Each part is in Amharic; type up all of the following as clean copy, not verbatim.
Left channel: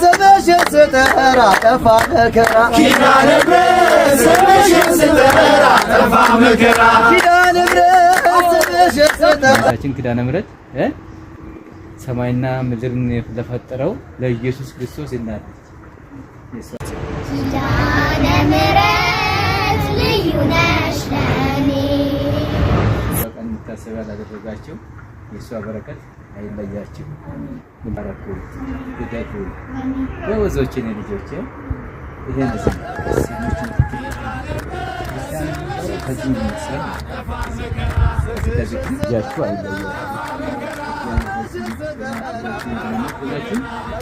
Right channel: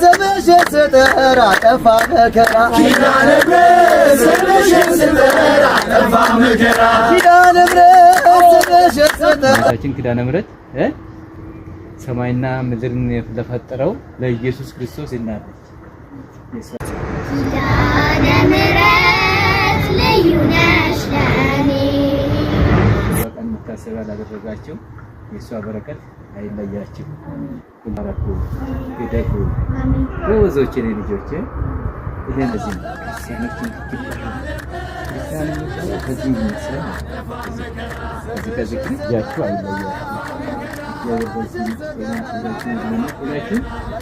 ስምሽን ስጠራ ጠፋ መከራ ኪዳነ ምሕረት ስምሽን ስጠራ ጠፋ መከራ ኪዳነ ምሕረት ስምሽን ስጠራ ኪዳነ ምሕረት ሰማይና ምድርን ለፈጠረው ለኢየሱስ ክርስቶስ እናት ኪዳነ ምሕረት ልዩ ነሽ ለኔ በቀን መታሰቢያ ላደረጋችሁ የእሷ በረከት አይለያችሁ። ይባረኩ ይደጉ ወዞች የኔ ልጆች ይሄን ለዚህ ሲኖችን ከዚህ ምስል ከዚህ ያችሁ አይለያችሁ።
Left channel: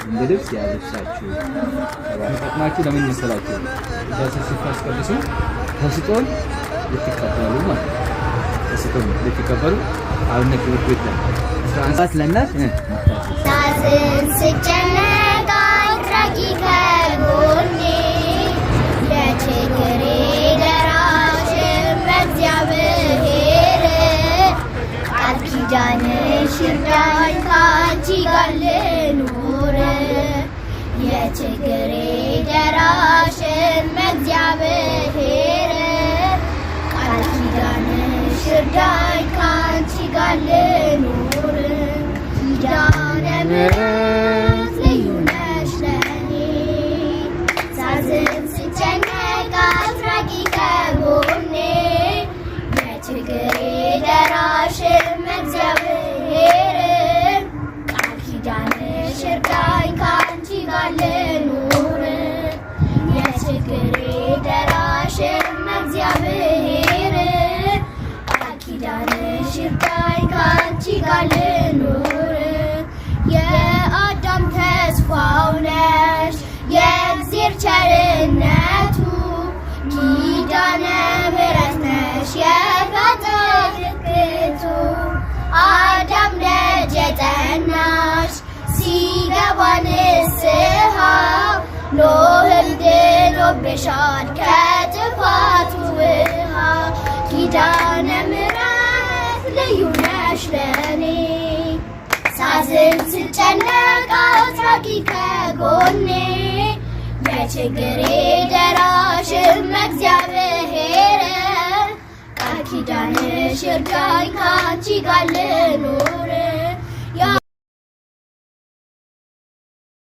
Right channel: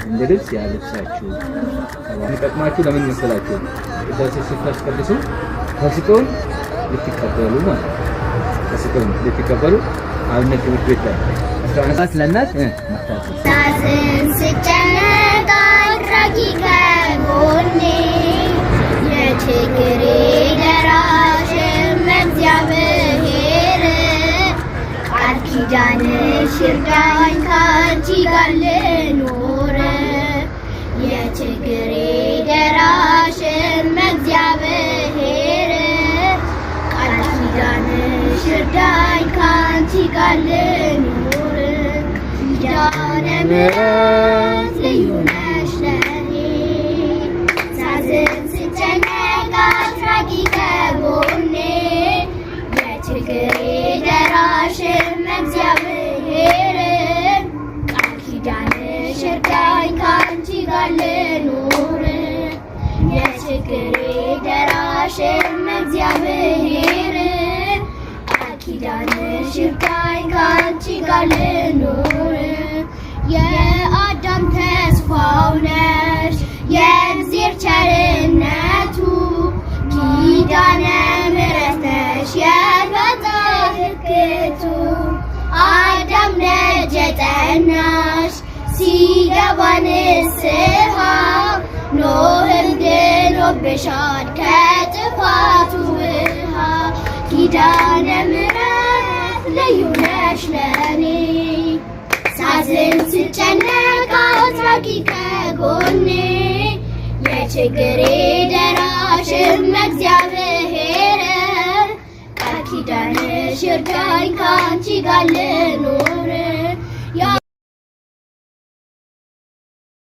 እንደ ልብስ ያለብሳችሁ ተጠቅማችሁ ለምን መሰላችሁ? እዛው ሲፈስቀልሱ ተስጦን ልትቀበሉ ማለት ተስጦን ልትቀበሉ አብነት ውጤት ላይ አንሳት ለናት ሳዝን ስጨነቅ አድራጊ ከጎኔ የችግሬ ደራሽ እግዚአብሔር ቃል ኪዳንሽ ይርዳኝ ካንቺ ጋር ልኑር የችግሬ ደራሽ እግዚአብሔር ቃል ኪዳንሽ ይርዳኝ ካንቺ ጋር ልኑር ኪዳነ ምሕረት ልዩ ነሽ ለኔ ሳዝን ስጨነቅ አድራጊ ከጎኔ የችግሬ ደራሽ እግዚአብሔር ቃል ኪዳንሽ ይርዳኝ ካንቺ ጋር ልኑር የችግሬ ደራሽ እግዚአብሔር ቃል ኪዳንሽ ይርዳኝ ካንቺ ጋር ልኑር የአዳም ተስፋው ነሽ የእግዚአብሔር ቸርነቱ ኪዳነ ምሕረት ነሽ የፈጣሪ ሕግቱ አዳም ደጅ የጠናሽ ሲገባ ንስሐ ኖህም ድኖብሻል ከጥፋቱ ውሃ ኪዳነ ምሕረት ልዩ ነሽ ለኔ ሳዝን ስጨነቅ አድራጊ ከጎኔ የችግሬ ደራሽ እግዚአብሔር ቃል ኪዳንሽ ይርዳኝ ካንቺ ጋር ልኑር